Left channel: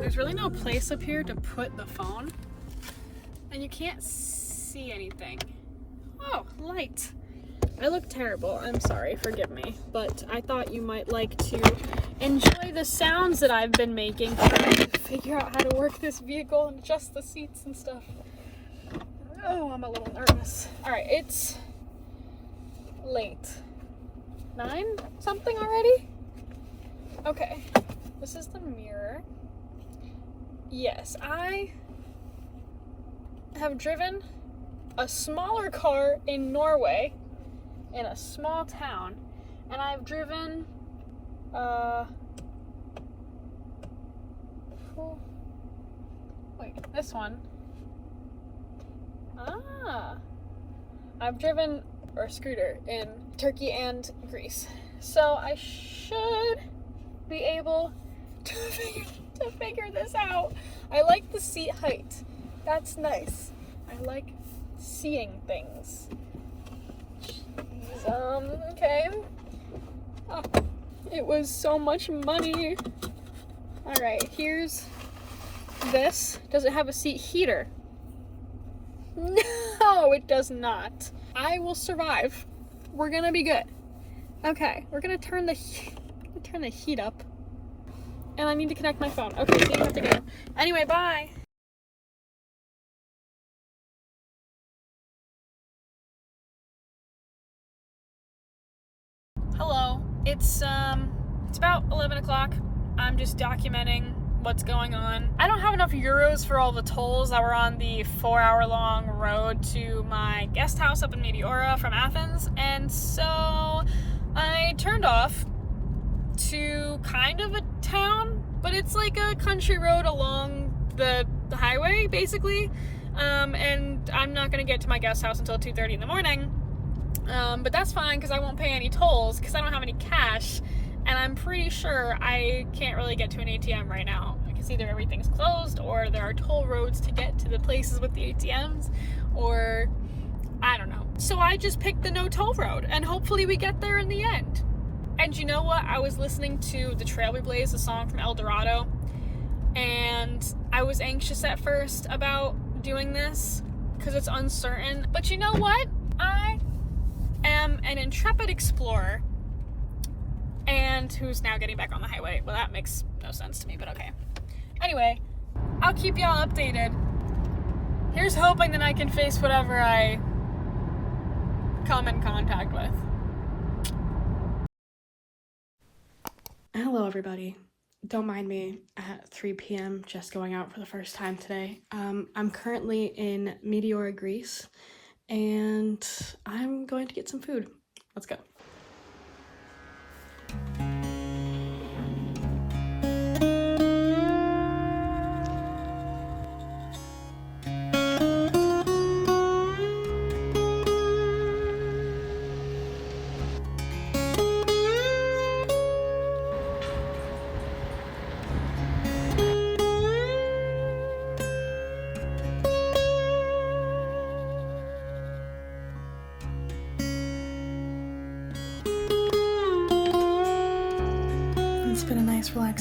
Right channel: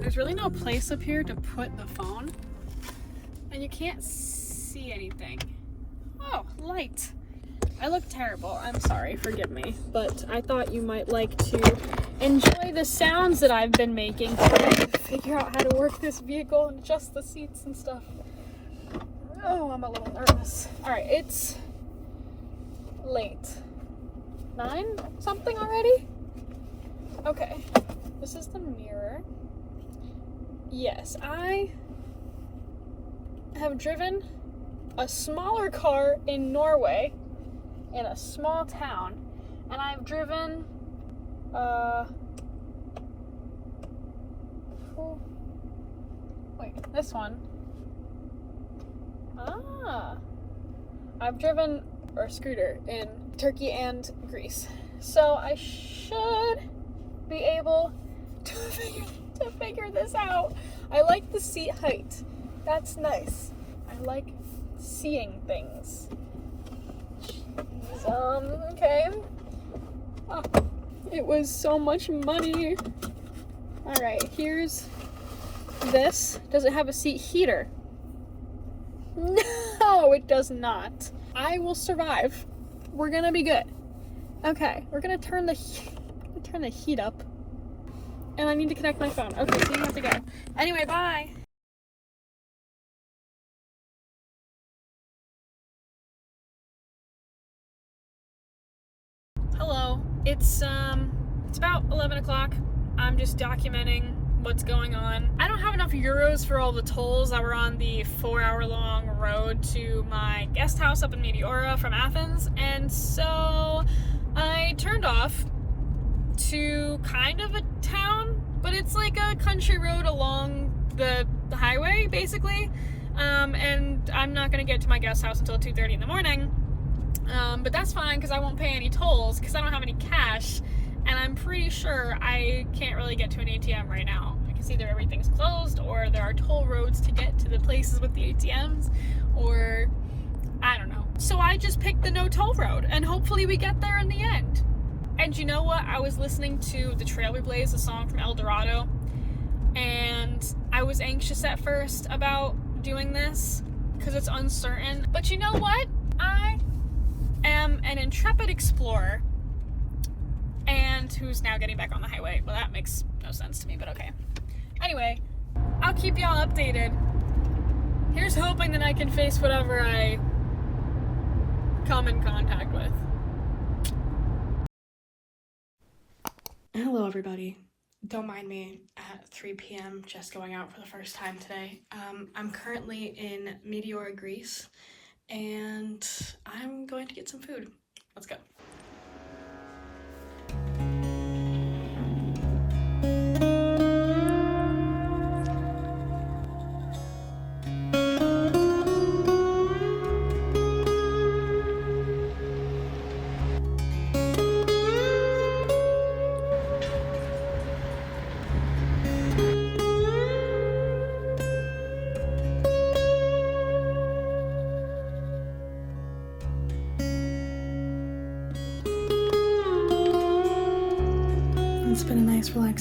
There's really no place up here to put the phone, and you can't see anything. Oh, light. I look terrible. I'm sorry, forgive me. But I thought you might like to enjoy the sounds that I've been making, trying to figure out how to work this vehicle and adjust the seats and stuff. Oh, I'm a little nervous. Alright, it's late. 9 something already? Okay, this is the mirror. Yes, I have driven a smaller car in Norway in a small town, and I've driven this one. I've driven a scooter in Turkey and Greece, so I should be able to figure this out. I like the seat height. That's nice. I like seeing things. Okay. Oh, it was so much money. Alright, here's this. Does it have a seat heater? No, it does not. I will survive. We're gonna be good. Okay, we're gonna turn the heat up. And I need to connect my phone. Okay, so you have to go. Anyway, bye. Hello. It's about 11 o'clock. I'm just documenting what's going on. I don't have enough euros for all the tolls that were on the 4-hour-long road to my guest house up in Meteora from Athens, and so I turned off to kind of a town, but it's like a country road along the highway, basically, and I'm not gonna get to my guest house until 2:30 in the morning, but that's fine because I won't pay any tolls because I don't have any cash, and I'm pretty sure I can't really get to an ATM right now because either everything's closed or there are toll roads to get to the places with the ATMs, or I don't know. So I just picked the no toll road, and hopefully we get there in the end. And you know what? I was listening to The Trail We Blaze, a song from El Dorado, and I was anxious at first about doing this because it's uncertain. But you know what? I am an intrepid explorer, and who's now getting back on the highway. Well, that makes no sense to me, but okay. Anyway, I'll keep y'all updated. Here's hoping that I can face whatever I come in contact with. Hello everybody. Don't mind me at 3 p.m. just going out for the first time today. I'm currently in Meteora, Greece, and I'm going to get some food. Let's go.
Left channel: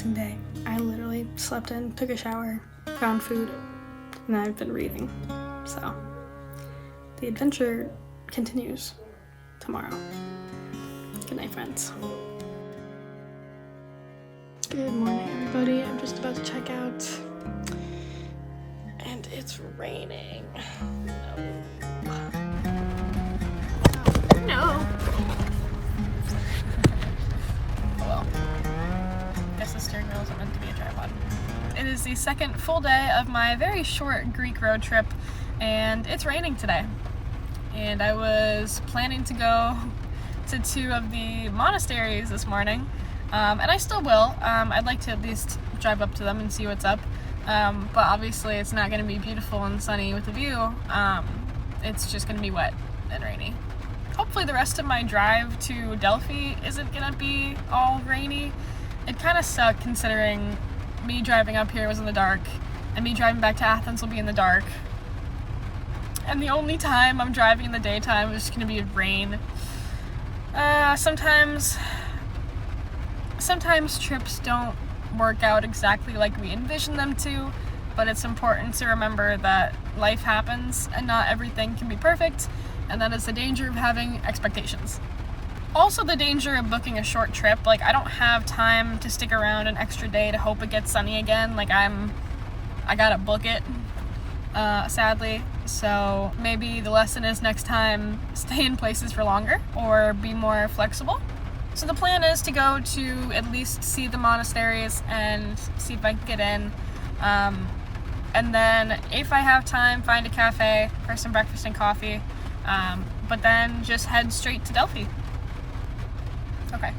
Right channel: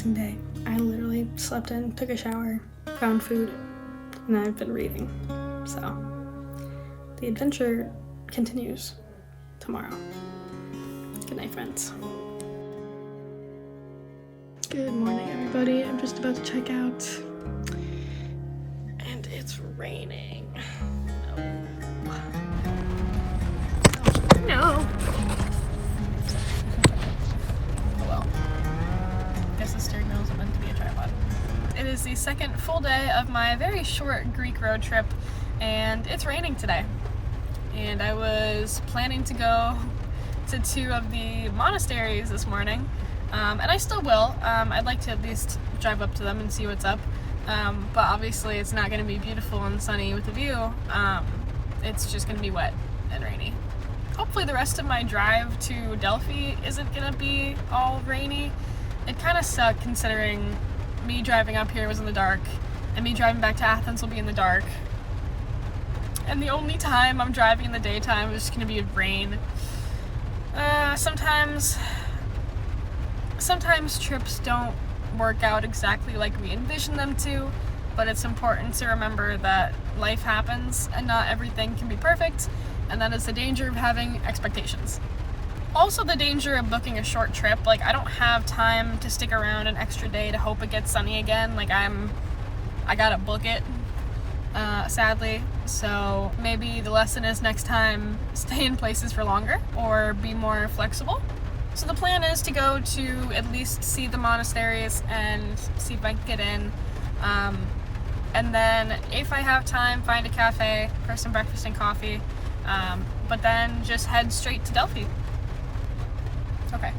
relaxing day. I literally slept in, took a shower, found food, and I've been reading. So, the adventure continues tomorrow. Good night, friends. Good morning, everybody. I'm just about to check out, and it's raining. No. Well, I guess the steering wheel isn't meant to be a tripod. It is the second full day of my very short Greek road trip, and it's raining today. And I was planning to go to 2 of the monasteries this morning, and I still will. I'd like to at least drive up to them and see what's up, but obviously it's not going to be beautiful and sunny with a view. It's just going to be wet and rainy. Hopefully the rest of my drive to Delphi isn't going to be all rainy. It kind of sucked considering me driving up here was in the dark, and me driving back to Athens will be in the dark. And the only time I'm driving in the daytime is going to be rain. Sometimes trips don't work out exactly like we envision them to, but it's important to remember that life happens and not everything can be perfect, and that is the danger of having expectations. Also the danger of booking a short trip. Like, I don't have time to stick around an extra day to hope it gets sunny again. Like, I gotta book it. Sadly. So maybe the lesson is next time stay in places for longer or be more flexible. So the plan is to go to at least see the monasteries and see if I can get in. And then if I have time, find a cafe for some breakfast and coffee. But then just head straight to Delphi. Okay.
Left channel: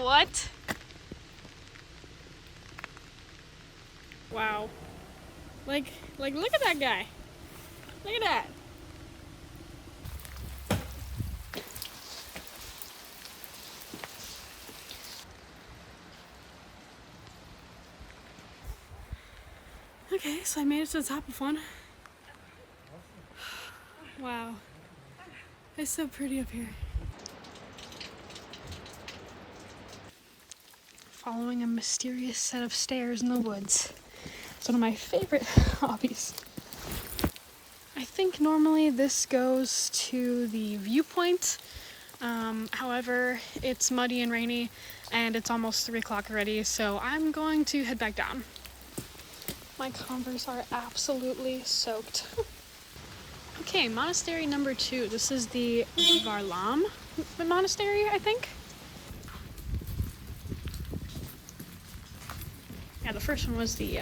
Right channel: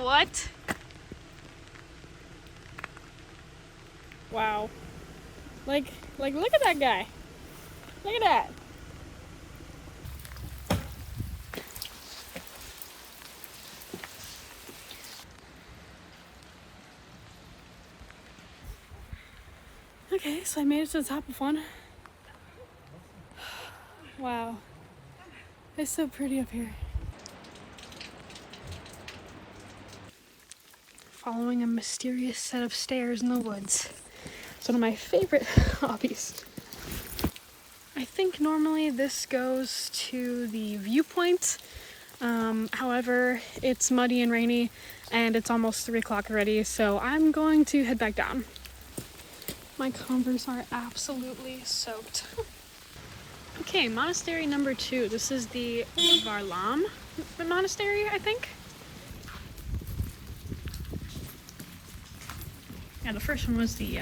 What? Wow. Like look at that guy. Look at that. Okay, so I made it to the top of one. Wow. It's so pretty up here. Following a mysterious set of stairs in the woods. It's one of my favorite hobbies. I think normally this goes to the viewpoint. However, it's muddy and rainy and it's almost 3 o'clock already, so I'm going to head back down. My Converse are absolutely soaked. Okay, monastery number 2. This is the Varlam monastery, I think. Yeah, the first one was the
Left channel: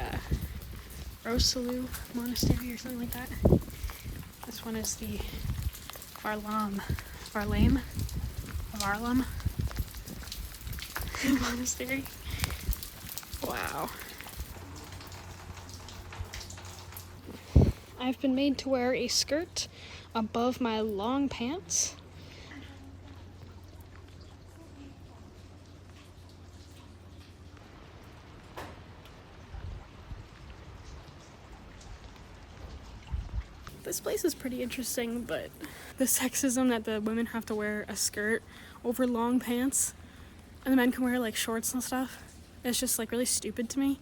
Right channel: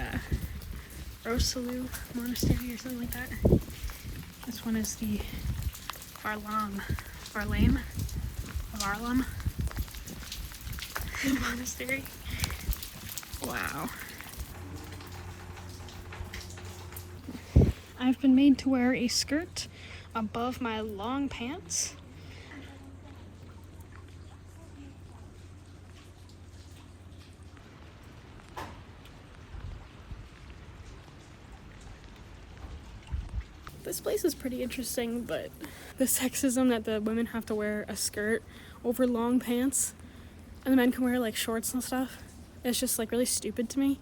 Rosalu monastery or something like that. This one is the Varlam monastery. Wow. I've been made to wear a skirt above my long pants. This place is pretty interesting, but the sexism that the women have to wear a skirt over long pants and the men can wear like shorts and stuff, it's just like really stupid to me.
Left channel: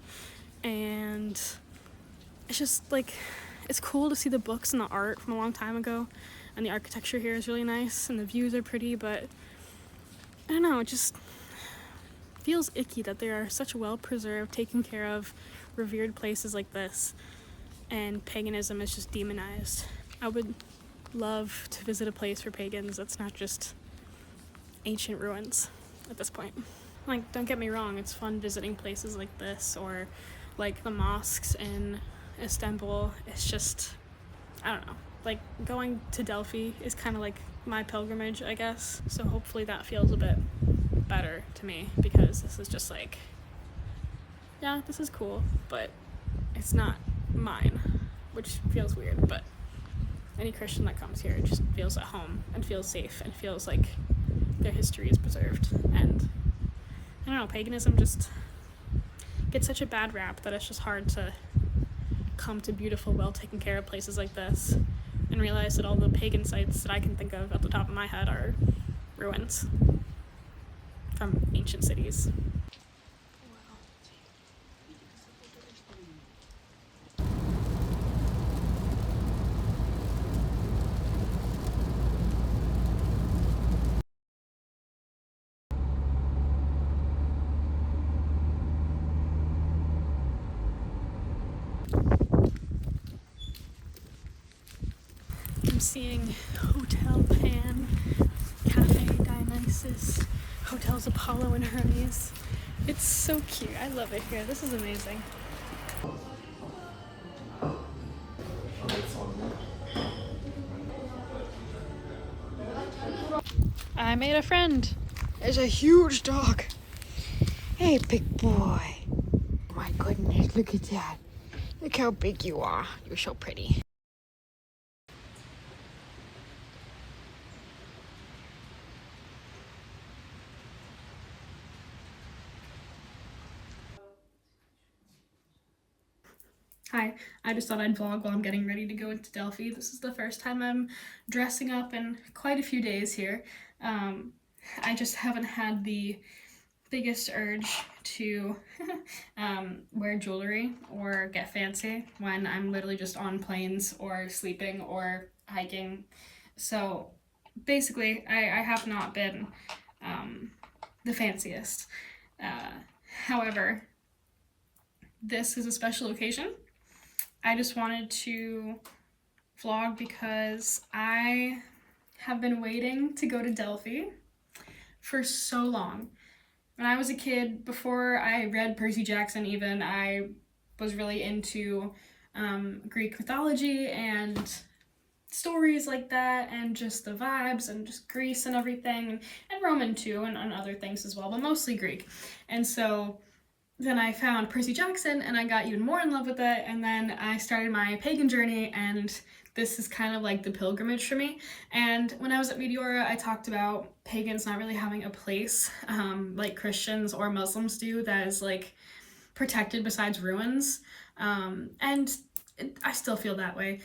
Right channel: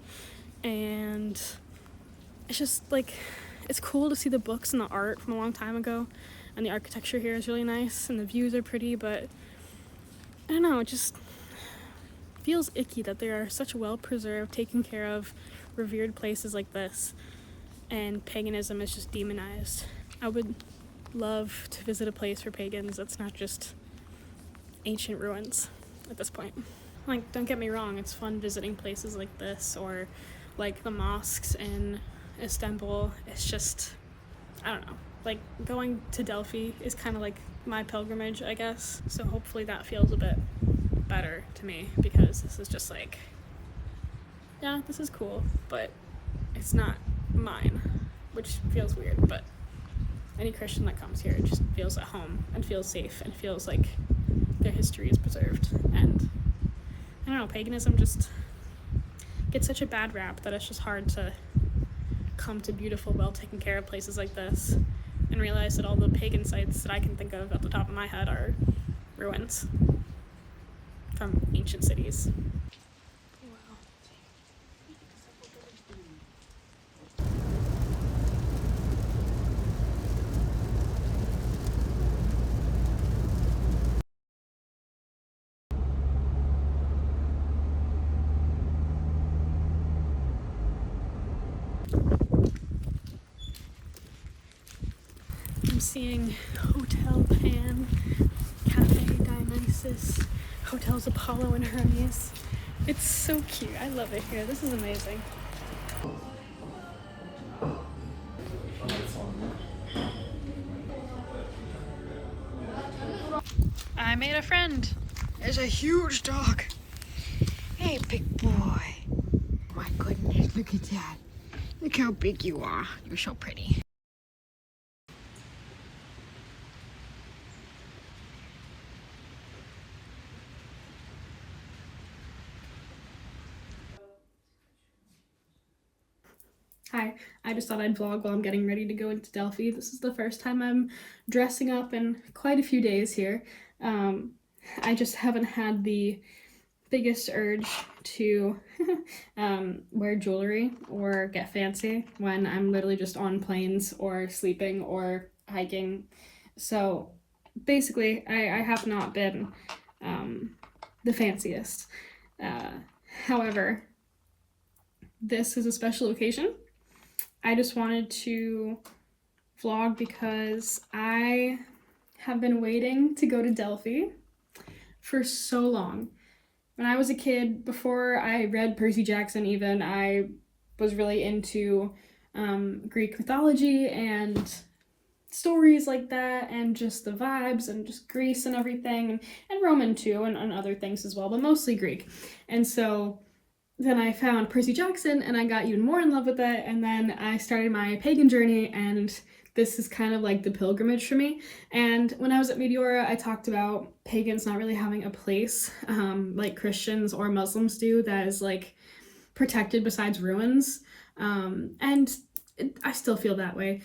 And it's just like, it's cool to see the books and the art from a long time ago, and the architecture here is really nice and the views are pretty, but I don't know, it just feels icky that there are such well-preserved, taken care of, revered places like this, and paganism is just demonized. I would love to visit a place for pagans that's not just ancient ruins at this point. Like, don't get me wrong, it's fun visiting places like this or like the mosques in Istanbul. It's just, I don't know, like going to Delphi is kind of like my pilgrimage, I guess. So hopefully that feels a bit better to me, because this is just like, yeah, this is cool, but it's not mine. which feels weird, but any Christian that comes here just feels at home and feels safe and feels like their history is preserved. And I don't know, paganism just gets such a bad rap that it's just hard to come to beautiful, well taken care of places like this and realize that all the pagan sites that I can think of at the top of my head are ruins from ancient cities. I'm seeing Hotel Pan, Cafe Dionysus, Hotels Apollo and Hermes. It's so cute. I love it here. This is amazing. I made a friend. There's a huge dog. Hey, big boy. Oh my goodness, look at that. Look how big you are. You're so pretty. Hi, I just thought I'd vlog while I'm getting ready to go into Delphi. This is the first time I'm dressing up in quite a few days here. I just haven't had the biggest urge to wear jewelry or get fancy when I'm literally just on planes or sleeping or hiking. So basically, I have not been the fanciest. However, this is a special occasion. I just wanted to vlog because I have been waiting to go to Delphi for so long. When I was a kid, before I read Percy Jackson even, I was really into Greek mythology and stories like that, and just the vibes and just Greece and everything, and Roman too, and other things as well, but mostly Greek. And so then I found Percy Jackson and I got even more in love with it, and then I started my pagan journey, and this is kind of like the pilgrimage for me. And when I was at Meteora, I talked about pagans not really having a place like Christians or Muslims do that is like protected besides ruins. I still feel that way.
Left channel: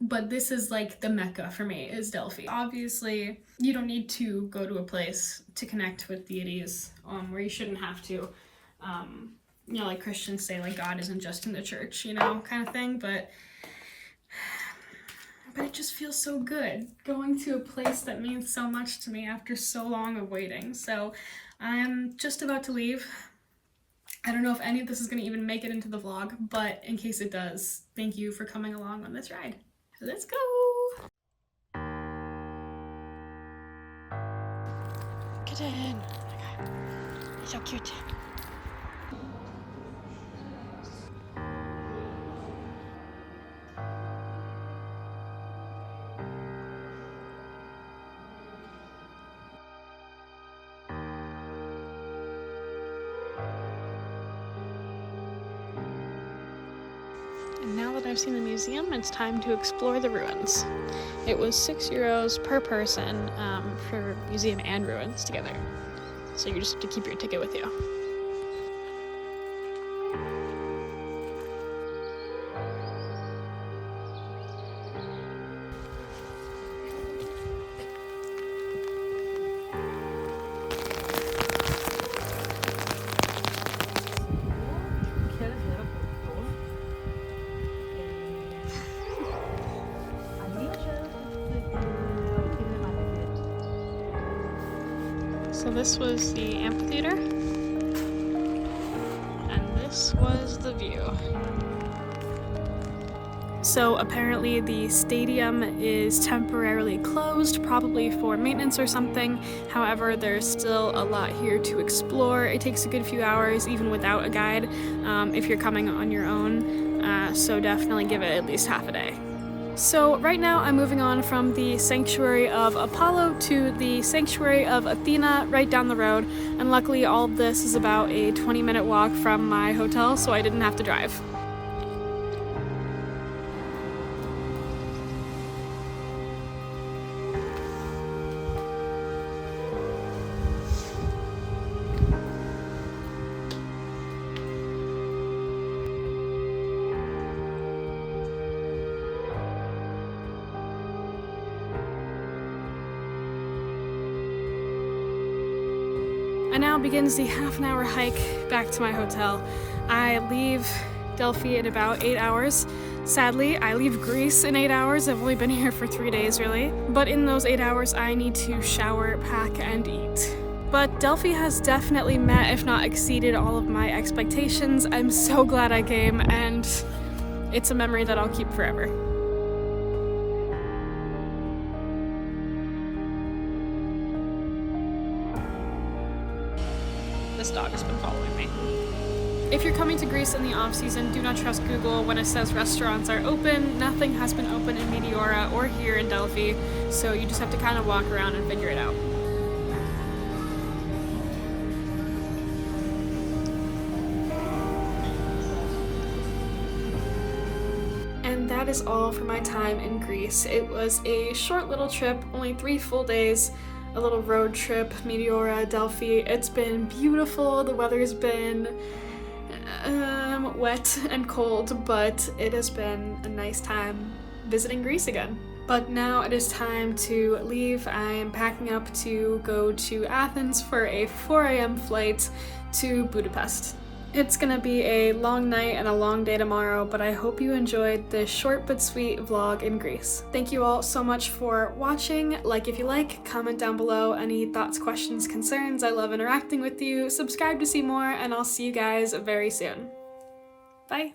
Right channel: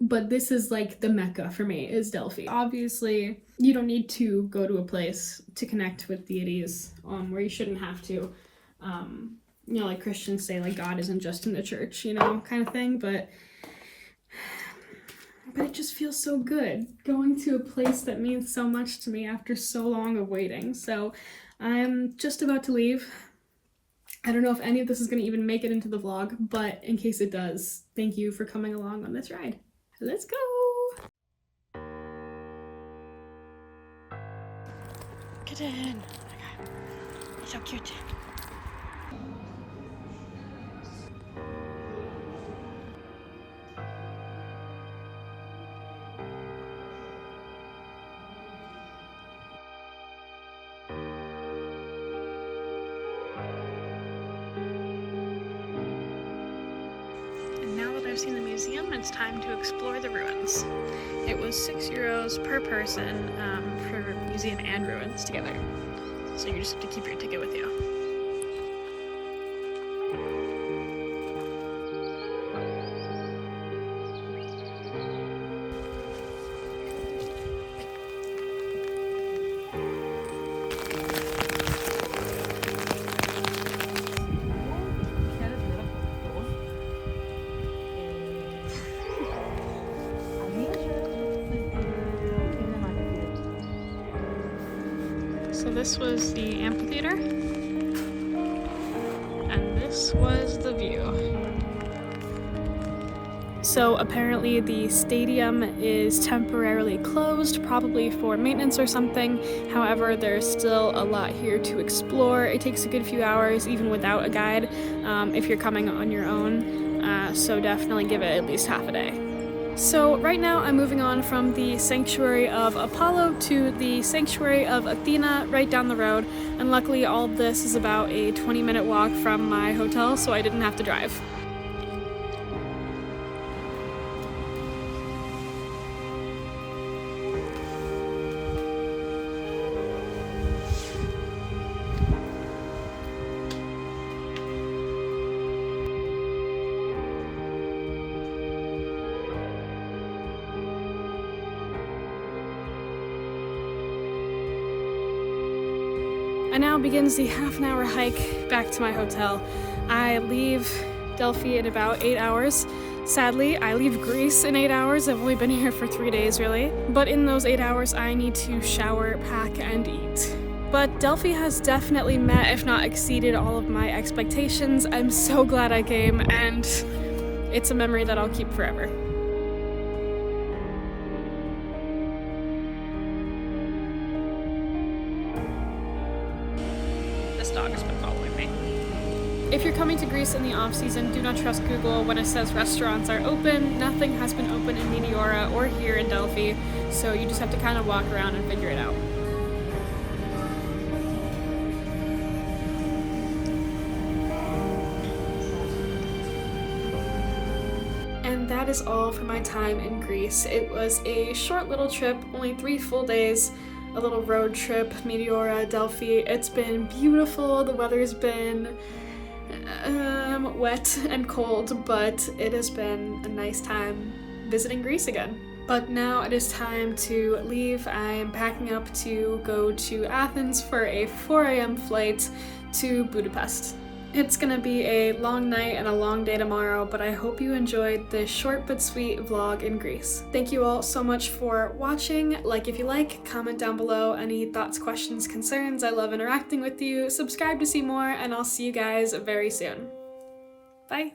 But this is like the Mecca for me, is Delphi. Obviously, you don't need to go to a place to connect with deities where you shouldn't have to. You know, like Christians say, like God isn't just in the church, you know, kind of thing, but it just feels so good going to a place that means so much to me after so long of waiting. So I'm just about to leave. I don't know if any of this is going to even make it into the vlog, but in case it does, thank you for coming along on this ride. Let's go! Get in! You're so cute. And now that I've seen the museum, it's time to explore the ruins. It was €6 per person for museum and ruins together. So you just have to keep your ticket with you. So this was the amphitheater, and this was the view. So apparently the stadium is temporarily closed, probably for maintenance or something. However, there's still a lot here to explore. It takes a good few hours, even without a guide, if you're coming on your own. So definitely give it at least half a day. So right now I'm moving on from the sanctuary of Apollo to the sanctuary of Athena right down the road, and luckily all of this is about a 20-minute walk from my hotel, so I didn't have to drive. I now begins the half-an-hour hike back to my hotel. I leave Delphi in about 8 hours. Sadly, I leave Greece in 8 hours. I've only been here for 3 days, really. But in those 8 hours, I need to shower, pack, and eat. But Delphi has definitely met, if not exceeded, all of my expectations. I'm so glad I came, and it's a memory that I'll keep forever. This dog has been following me. If you're coming to Greece in the off-season, do not trust Google when it says restaurants are open. Nothing has been open in Meteora or here in Delphi, so you just have to kind of walk around and figure it out. And that is all for my time in Greece. It was a short little trip, only 3 full days, a little road trip, Meteora, Delphi. It's been beautiful. The weather's been wet and cold, but it has been a nice time visiting Greece again. But now it is time to leave. I am packing up to go to Athens for a 4 a.m. flight to Budapest. It's gonna be a long night and a long day tomorrow, but I hope you enjoyed this short but sweet vlog in Greece. Thank you all so much for watching. Like if you like, comment down below any thoughts, questions, concerns. I love interacting with you. Subscribe to see more, and I'll see you guys very soon. Bye!